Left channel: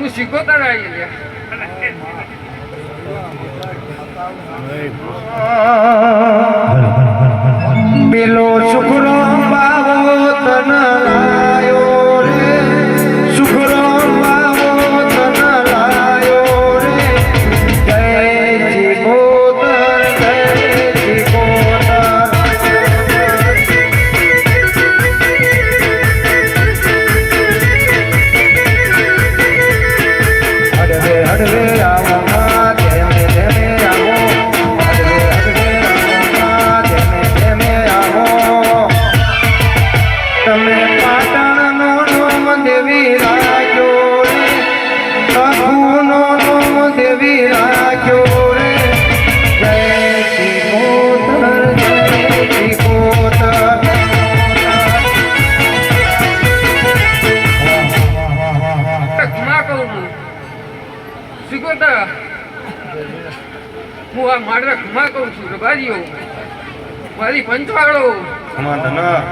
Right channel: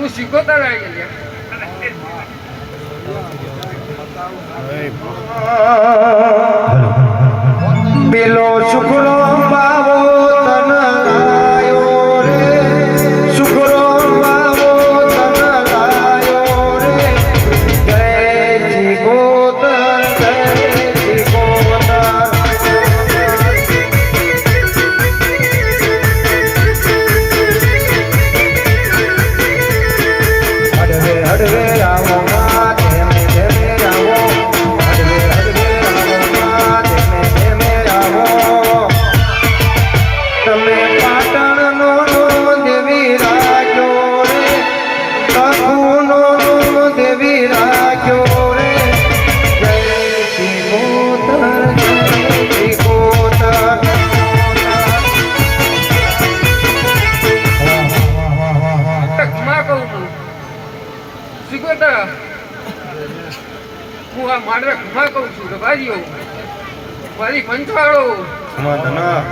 હું શીખોતર આવી ગયા પેલો શુક્રો બાવો તન લાયો રે શુક્રો બાવો તન લાયો રે જય શીખોતર જય શીખોતર હડવે હડવે આવો માં ધેમે ધેમે આવો હડવે હડવે આવો માં ધેમે ધેમે આવો તમે પાટણનો નોમ દેવી રાખ્યો રે બાપુનો નોમ દેવી રાખ્યો રે જય શીખોતર જય શીખોતર ઘુમા કહું હું શીખોતર હું આ મારે ઘુમા કહું છું કે બારીઓ મારી પંચાળો સમાધાન